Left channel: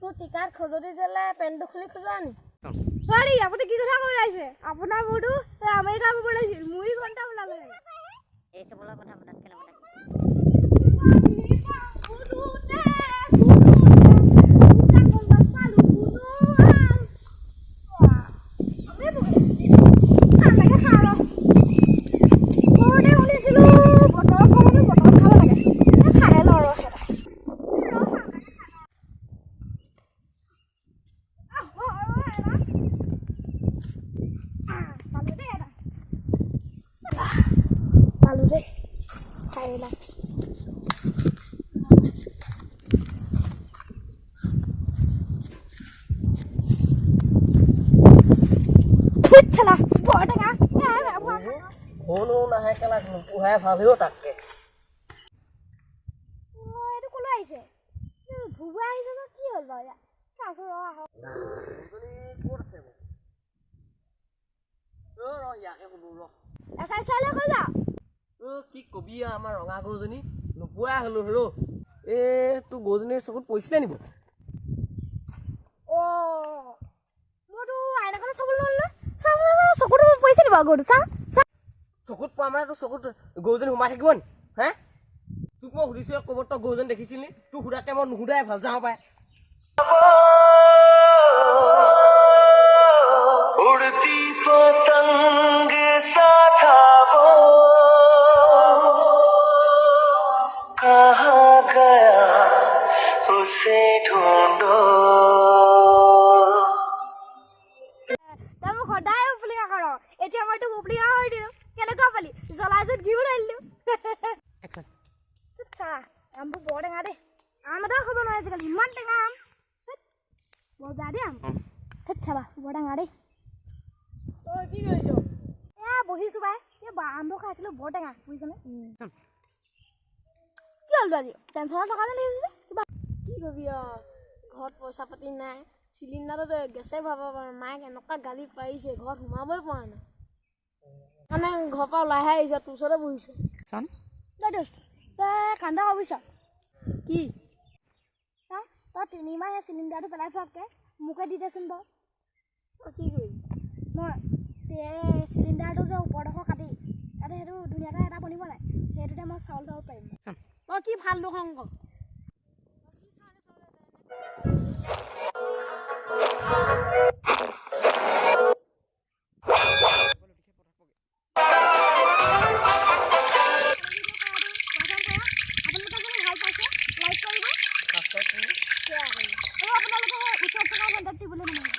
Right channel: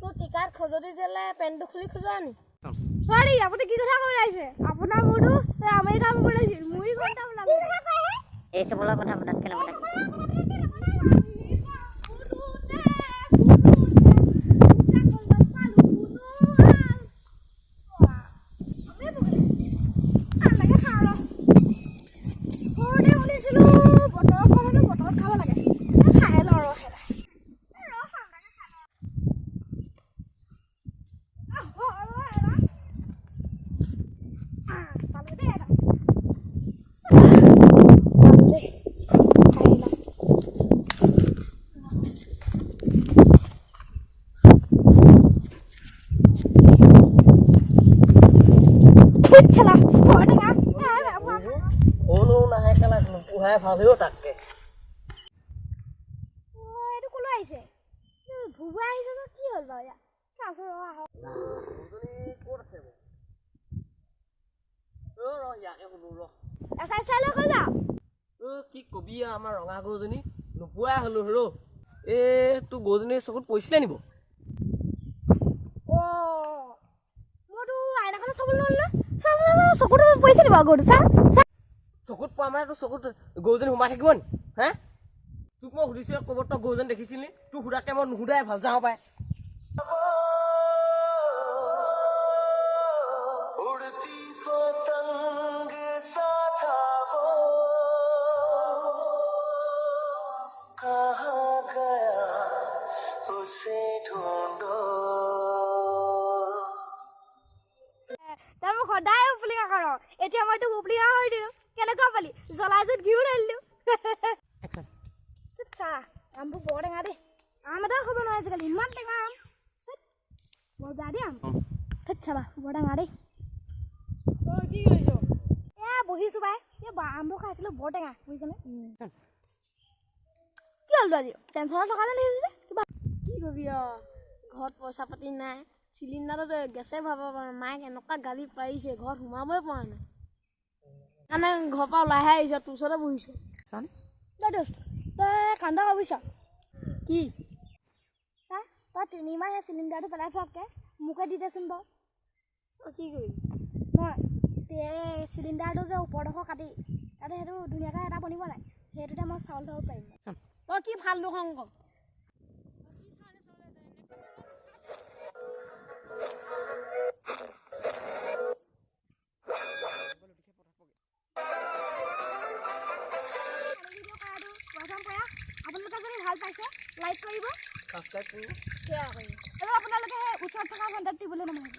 তোৰ টিকাত খজতি দিলে পেণ্টটো খুলি খোজা নি পাৰি আপুনি কি কথা কৈ আছে আপোনাৰ মোৰটো আমেৰিকা বনাইছিল মুই ঘন্টা বনালে এই সবলৰ কথা মনত কেনে মনত চলা পড়া না কোনো নাহে কেলা পুহাই ভাবিও তাকে এইটো কলৈ আহিছে ভুবা আহিছে না কি হল বাৰু চাচো আহ গজনী ক'ত আছে ইয়াকে শুনো ৰ এসাই চাই লৈ যা কি কবি আমাৰ ৰঙা গজনী নোপোৱাই হলো ৰ তোৰ গজনীৰ চকুত পৰিছিলে নিব মোৰটো আইনাখনে চাব ল'লে চকুটো পইচা দিব গৰুটো চা চকুত পোৱা মানে তোৰ চকুত গৰুজনী সোমাই থাকিব নি হে তোক মই সুধিছোঁ ক'ৰবাত তই গৰুজনী দেখিছিলি তোক সুধাকে মই নুসুধাই ভাল যাওঁ পাই उड़ती पतंग सा था वो कहाँ गया उसे ढूंढो তই সদায় উপলিকা কৰ এতিয়া মই তোক উপলিকা কৰি দিওঁ কেনেকুৱা পালি জ্বলাইছত ঘিউ ঢালিলোঁ চা আমবোৰ বৰ টেঙা দেই আম এটাও খাব নোৱাৰে আজিকালি ইমান টেঙা আম বৰ বেয়া দেই আম চাবা বৰ টেঙা দেই তই কি কৰিছ বহিছোঁ বাই আমবোৰ খাইছিলোঁ বৰ টেঙা বুজিছনে কি হ'ল আজি টেনশ্যনত থকা যেন লাগিছে কিবা কি কবি ঘৰত পইচা পাতি নাই চিলিণ্ডাৰটো গেছে ভৰাব পৰা মায়ে এনেকুৱা গালি পাৰিছে ঘৰত সোমাবই পৰা নাই মানে ঘৰৰ পৰা ওলাইহে আহিছ তোৰ ওচৰতে বহিছোঁ তই দোস্ত তই কান্দা ভাবিছ কি চা তই 3 মাহ চিলিণ্ডাৰটো পেলাই থোৱাতকৈ মোকে দি দেচোন বাৰু তই কি কৰিবি মই চিলিণ্ডাৰটো যে ওপৰডোখৰ কাটি তাতে সেইটো ধুনীয়াকৈ এটা বনিব নাই সেইটোতে মই চাউল থ'ব পাৰিম তই কি ভাল দুখং ক আপোনালোকে যদি ভাল পাইছে লাইক কৰিব ছাবস্ক্ৰাইব কৰিব শ্বেয়াৰ কৰিব আৰু আপোনালোকে ওচৰত থকা ঘণ্টাত টিপিবলৈ নাপাহৰিব